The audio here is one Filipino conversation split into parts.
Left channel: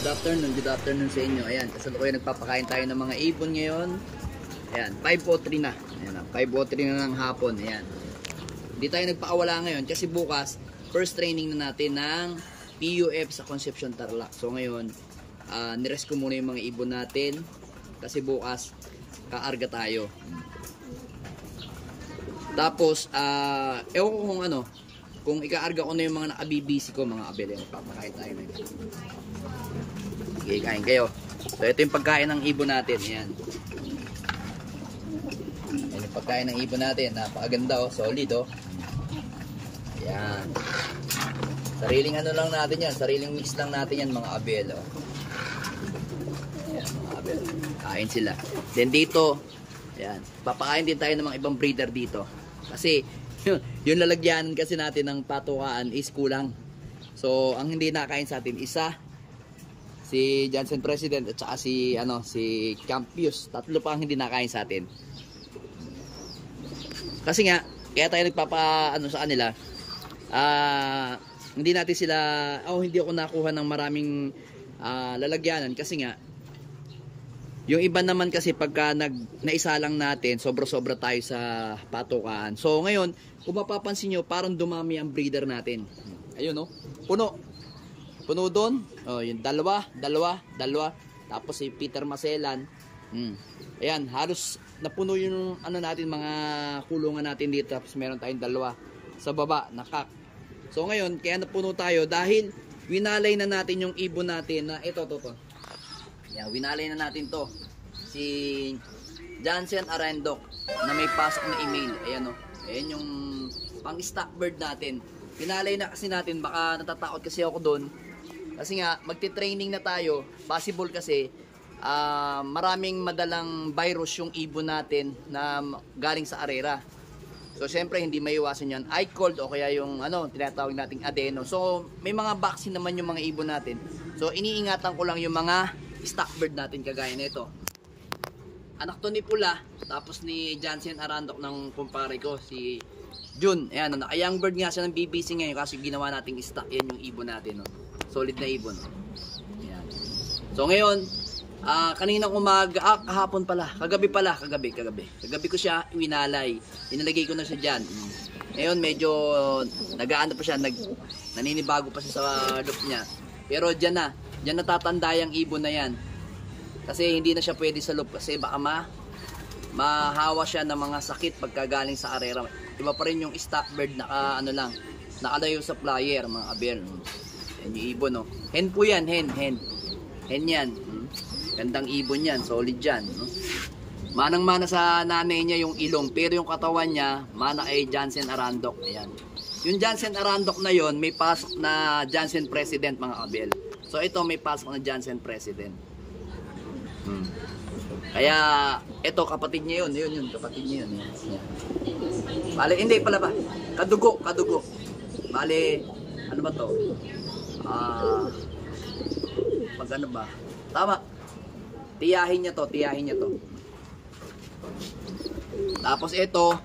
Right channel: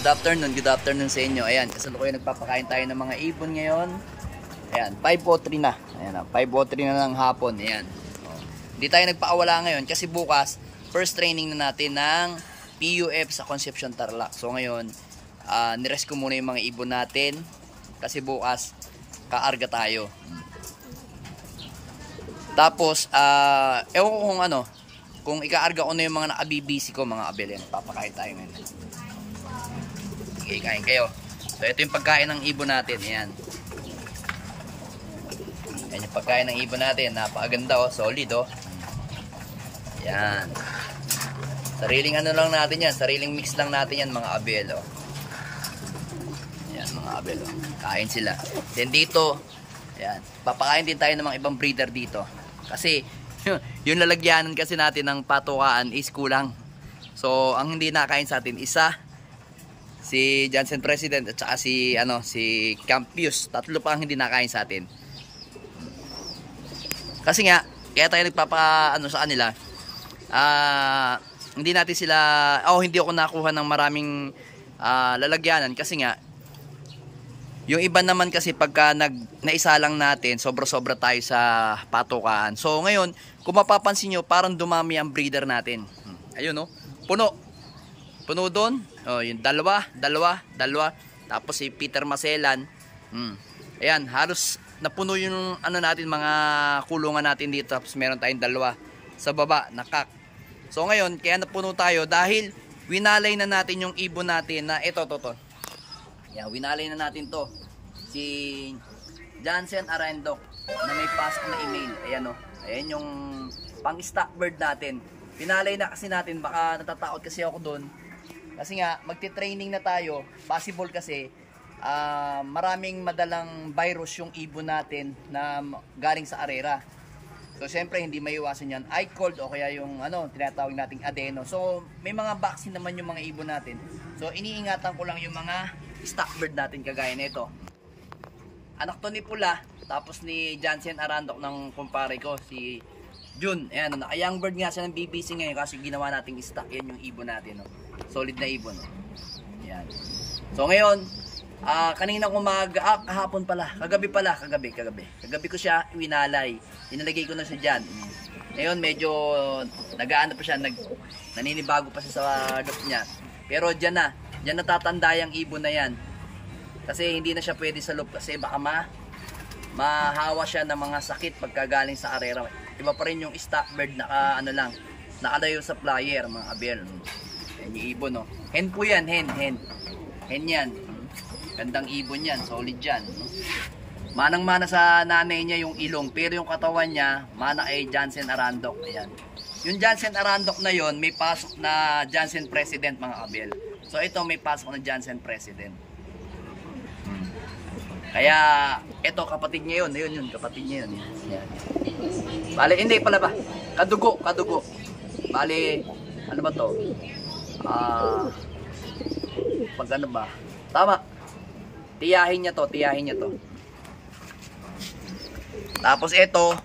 Good afternoon sa inyo. Ayan, kasalukuyan nagpapakain tayo ng mga ibon ngayon. Ayan, 5:03 na. Ayan, 5:03 na ng hapon. Ayan. Hindi tayo nagpaawala ngayon kasi bukas first training na natin ng PUF sa Concepcion Tarlac. So ngayon, nirest ko muna yung mga ibon natin kasi bukas kaarga tayo. Tapos, ewan ko kung ano, kung ikaarga ko na yung mga naka-BBC ko, mga abel yan. Papakain tayo ngayon. Sige, kain kayo. So ito yung pagkain ng ibon natin. Ayan. Ayan yung pagkain ng ibon natin. Napakaganda oh, solid oh. Ayan. Sariling ano lang natin yan. Sariling mix lang natin yan mga abel oh. Ayan mga abel oh. Kain sila. Then dito, ayan, papakain din tayo ng mga ibang breeder dito. Kasi yung lalagyanan kasi natin ng patukaan is kulang. So ang hindi nakain sa atin isa si Jansen President at saka si Campius. Tatlo pa ang hindi nakain sa atin. Kasi nga kaya tayo sa kanila. Hindi natin sila hindi ako nakuha ng maraming lalagyanan kasi nga yung iba naman kasi pagka naisa lang natin, sobra-sobra tayo sa patukaan. So ngayon, kung mapapansin nyo, parang dumami ang breeder natin. Ayun no, puno doon. Oh, yung dalawa. Tapos si Peter Maselan. Ayan, halos napuno yung natin, mga kulungan natin dito. Tapos meron tayong dalawa sa baba, nakak. So ngayon, kaya napuno tayo dahil winalay na natin yung ibon natin na ito. Yan, winalay na natin to. Si Jansen Arandok na may pasok na email. Ayan o. Ayan yung pang-stock bird natin. Winalay na kasi natin. Baka natatakot kasi ako doon. Kasi nga, magti-training na tayo. Possible kasi maraming madalang virus yung ibon natin na galing sa arera. So, syempre, hindi maiwasan yan. Eye cold o kaya yung tinatawag nating adeno. So, may mga vaccine naman yung mga ibon natin. So, iniingatan ko lang yung mga stock bird natin kagaya nito. Anak to ni Pula, tapos ni Jansen Arandok ng kumpare ko, si Jun. Ayan, young bird nga siya ng BBC ngayon kasi ginawa nating stock. Yan yung ibon natin. No? Solid na ibon. No? Ayan. So ngayon, kanina umaga, kahapon pala, kagabi. Kagabi ko siya winalay. Inalagay ko na siya dyan. Ngayon medyo nagaano pa siya, naninibago pa siya sa loop niya. Pero dyan natatanda yung ibon na yan. Kasi hindi na siya pwede sa loop kasi baka mahawa siya ng mga sakit pagkagaling sa arera. Iba pa rin yung stock bird nakalayo sa flyer mga abel. Yan yung ibon no. Hen po yan, hen yan. Gandang ibon yan, solid yan no? Manang-mana sa nanay niya yung ilong, pero yung katawan niya mana kay Jansen Arandok. Ayan. Yung Jansen Arandok na yon may pasok na Jansen President mga abel. So ito may pasok na Jansen President. Kaya ito kapatid niya yun. Yun kapatid niya yun. Yan. Bale hindi pala ba? Kadugo. Bale ano ba to? Pag ano ba? Tama. Tiyahin niya to. Tapos ito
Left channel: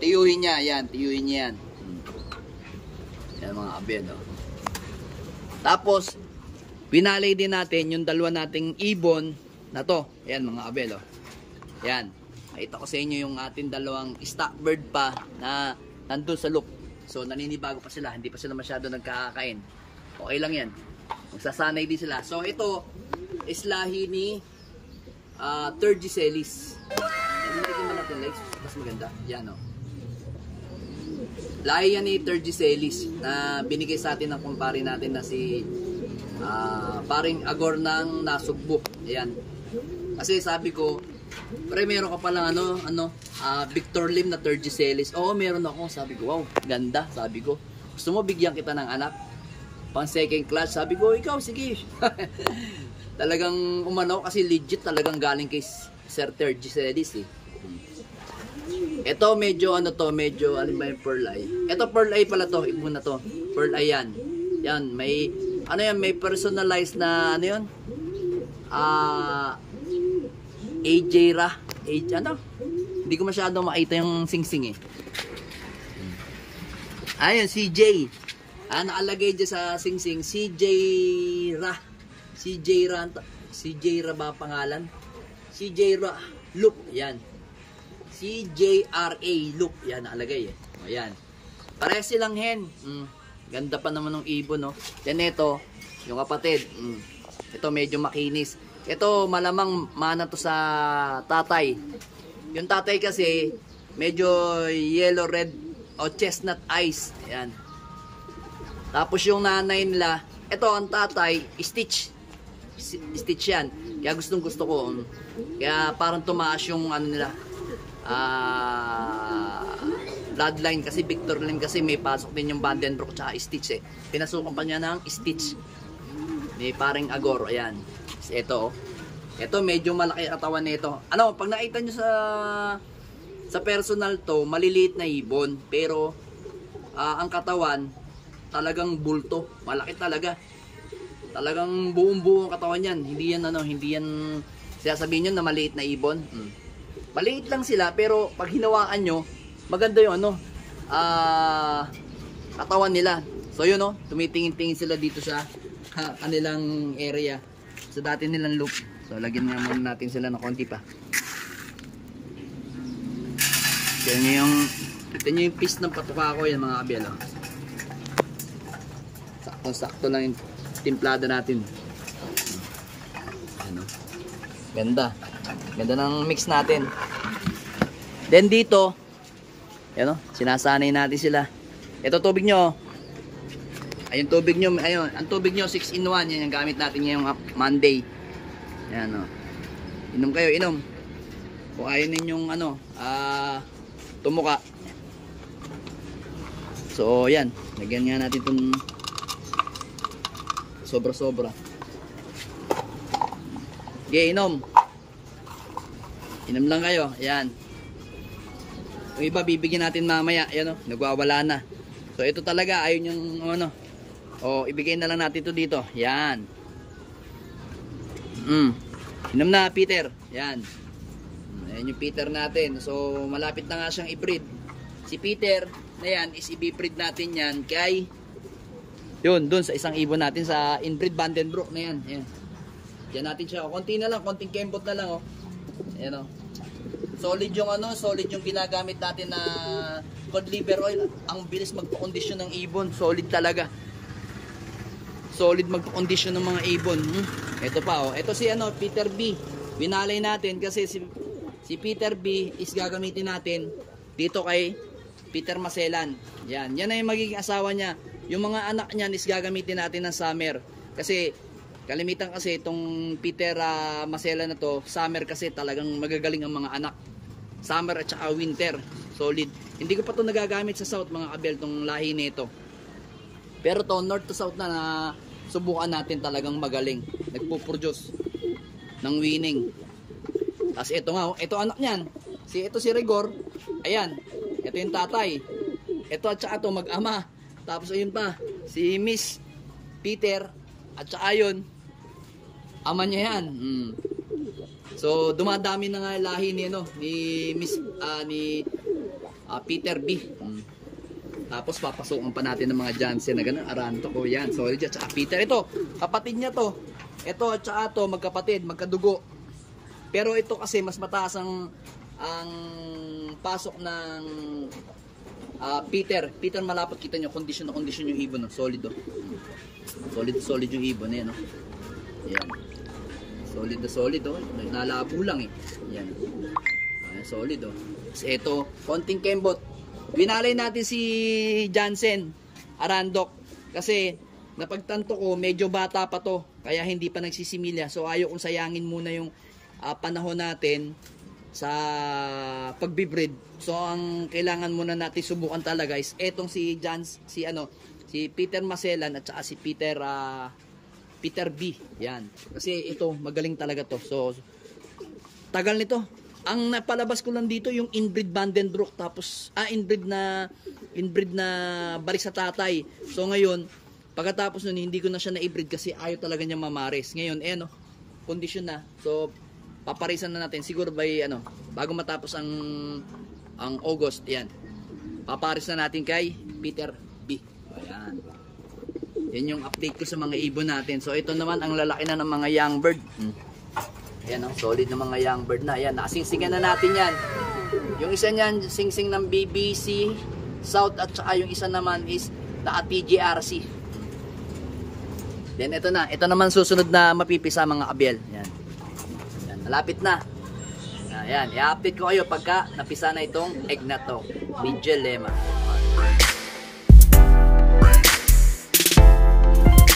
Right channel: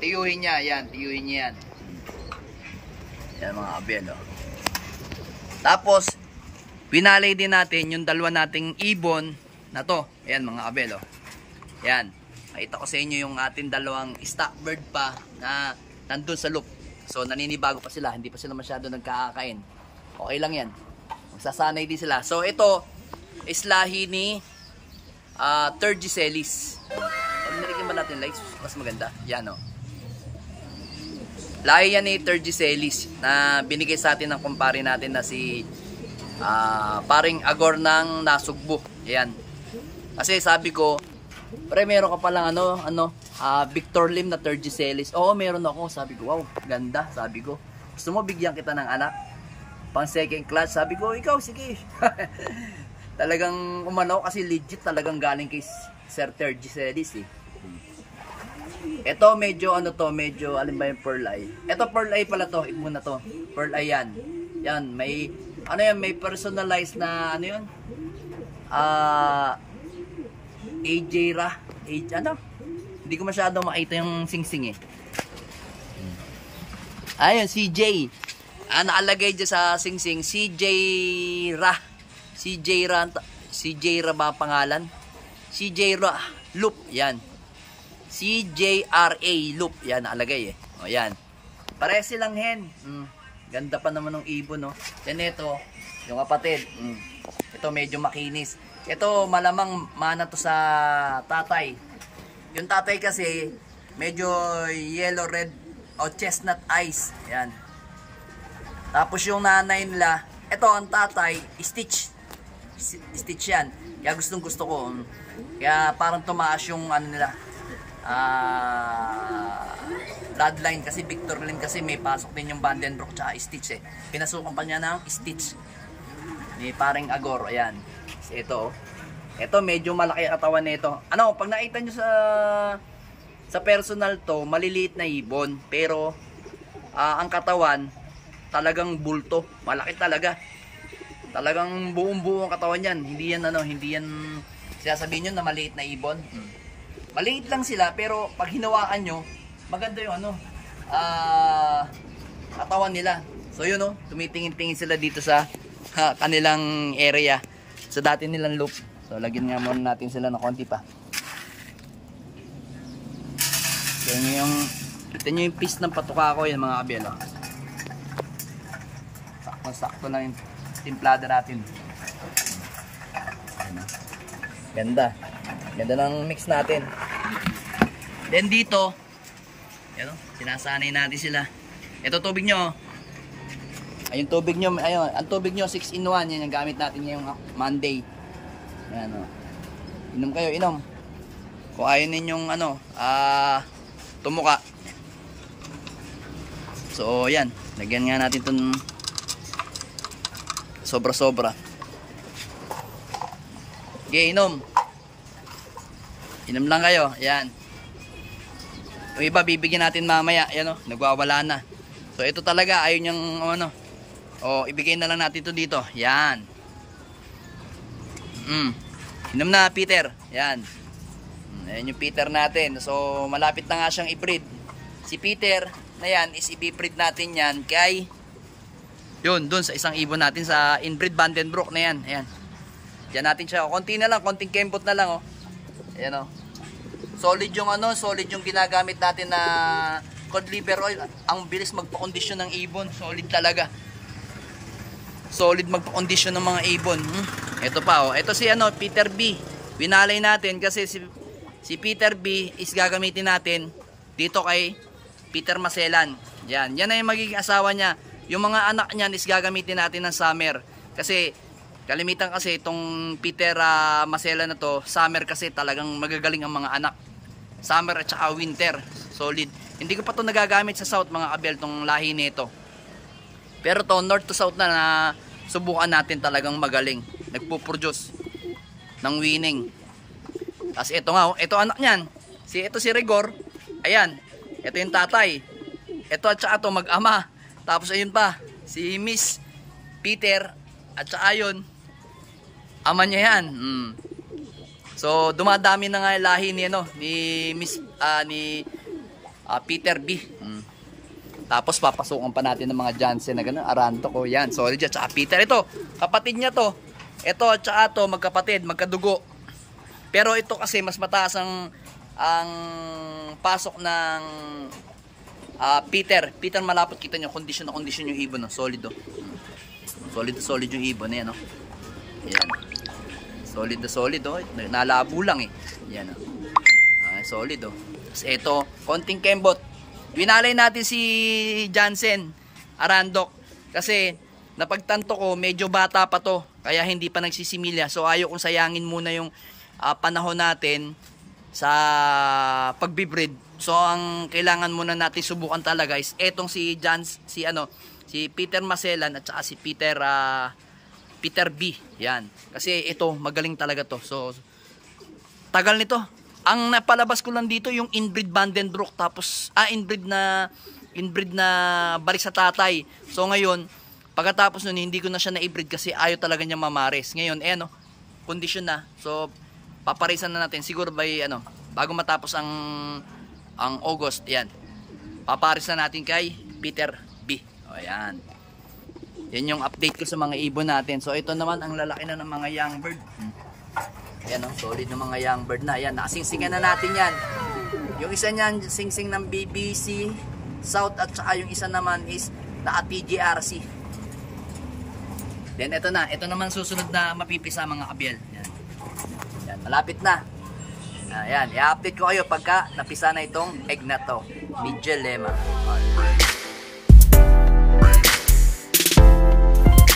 tiyuhin niya yan. Yan mga abel oh. Tapos pinalay din natin yung dalawa nating ibon na to. Ayan mga abel oh. Ayan. Nakita ko sa inyo yung ating dalawang stock bird pa na nandun sa loop. So naninibago pa sila. Hindi pa sila masyado nagkakakain. Okay lang yan. Magsasanay din sila. So ito is lahi ni Turgiselis. Nilagyan ba natin lights? Mas maganda. Yan oh. Lahi yan ni Turgiselis na binigay sa atin ng kumpare natin na si paring Agor ng Nasugbo. Ayan. Kasi sabi ko, pre meron ka palang Victor Lim na Turgiselis. Oo, meron ako. Sabi ko, wow, ganda. Sabi ko, gusto mo bigyan kita ng anak? Pang second class. Sabi ko, ikaw, sige. Talagang umano kasi legit talagang galing kay Sir Turgiselis eh. Ito medyo medyo alin ba yung pearl eye? Ito pearl eye pala to, ibon na to. Pearl eye yan. Yan, may may personalized na AJ Ra. Hindi ko masyadong makita yung sing-sing eh. Ayun, CJ. Nakalagay dyan sa sing-sing, CJ Ra. Si Jaira, si Jaira ba pangalan? Si Jaira Loop, yan. Si JRA Loop, yan nakalagay eh. O yan. Pares silang hen. Ganda pa naman ng ibon, no. Yan ito, yung kapatid. Ito medyo makinis. Ito malamang mana to sa tatay. Yung tatay kasi medyo yellow red o chestnut eyes. Yan. Tapos yung nanay nila, ito ang tatay, stitch. Stitch yan. Kaya gustong gusto ko. Kaya parang tumaas yung ano nila. Bloodline kasi Victor Lim kasi may pasok din yung Vandenbroek tsaka Stitch eh. Pinasukan pa niya ng Stitch. Ni paring Agor. Ayan. Ito. Ito medyo malaki ang katawan nito. Ano, pag nakita nyo sa personal to, maliliit na ibon. Pero ang katawan talagang bulto. Malaki talaga. Talagang buong-buo ang katawan yan. Hindi yan ano, hindi yan sasabihin nyo na maliit na ibon. Maliit lang sila pero pag hinawakan nyo, maganda yung ano, katawan nila. So yun no, tumitingin-tingin sila dito sa kanilang area. Sa dati nilang loop. So lagyan nga muna natin sila ng konti pa. Kaya kita nyo yung piece ng patuka ko yan mga kabel. Oh. Sakto lang yung timplada natin. Ano? Ganda. Ganda ng mix natin. Then dito, yan o, sinasanay natin sila. Ito tubig nyo. Ayun tubig nyo, ayun, ang tubig nyo 6-in-1. Yan yung gamit natin ngayong Monday. Yan o. Inom kayo, inom. Kung ayaw ninyong ano, tumuka. So yan, lagyan nga natin itong sobra-sobra. Okay, inom. Inom lang kayo. Ayan. Yung iba bibigyan natin mamaya. Ayan o, nagwawala na. So ito talaga, ayun yung ano. O, ibigay na lang natin ito dito. Ayan. Inom na, Peter. Ayan. Ayan yung Peter natin. So malapit na nga siyang i-breed. Si Peter na yan is i-breed natin yan kay yun, dun sa isang ibon natin sa inbreed Vandenbroek na yan. Ayan. Diyan natin siya. O, konti na lang, konting kembot na lang. O. Ayan o. Solid yung ano, solid yung ginagamit natin na cod liver oil. Ang bilis magpa-kondisyon ng ibon. Solid talaga. Solid magpa-kondisyon ng mga ibon. Ito pa o. Ito si ano, Peter B. Winalay natin kasi si Peter B is gagamitin natin dito kay Peter Maselan. Yan. Yan na yung magiging asawa niya. Yung mga anak niyan is gagamitin natin ng summer. Kasi kalimitan kasi itong Peter Maselan na to, summer kasi talagang magagaling ang mga anak. Summer at saka winter. Solid. Hindi ko pa to nagagamit sa south mga kabel tong lahi nito. Pero to north to south na subukan natin talagang magaling. Nagpo-produce ng winning. Tapos ito nga, ito anak niyan. Ito si Rigor. Ayan. Ito yung tatay. Ito at saka to mag-ama. Tapos ayun pa, si Miss Peter at saka yun, ama niya yan. So dumadami na nga lahi ni ano, ni Miss Peter B. Tapos papasukan pa natin ng mga Jansen na gano'n, Aranto ko yan. Sorry dyan, tsaka Peter. Ito, kapatid niya to. Ito at saka to, magkapatid, magkadugo. Pero ito kasi mas mataas ang pasok ng Peter malapot, kita nyo, condition na condition yung ibon, no? Solid oh. Solid yung ibon, ayan oh. Ayan. Solid na solid oh. Nalabo lang eh. Ayan oh. Solid oh. Kasi ito, konting kembot. Winalay natin si Jansen Arandok kasi napagtanto ko medyo bata pa to, kaya hindi pa nagsisimilya. So ayaw kong sayangin muna yung panahon natin sa pagbibreed. So ang kailangan muna natin subukan talaga is etong si Peter Maselan at saka si Peter B. Yan. Kasi ito magaling talaga to. So tagal nito. Ang napalabas ko lang dito yung inbreed Vandenbroek, tapos inbreed na balik sa tatay. So ngayon pagkatapos nun hindi ko na siya na-breed kasi ayaw talaga niya mamares. Ngayon condition na. So paparisan na natin siguro by bago matapos ang August, yan. Paparis na natin kay Peter B. O yan. Yan yung update ko sa mga ibon natin. So ito naman ang lalaki na ng mga young bird. Ayan oh, solid na mga young bird na. Ayan, nakasingsingan na natin yan. Yung isa niyan, singsing ng BBC South at saka yung isa naman is naka TGRC. Then ito na, ito naman susunod na mapipisa mga kabyel. Yan. Yan, malapit na. Ayan, i-update ko kayo pagka napisa na itong egg na to. Medyo lema.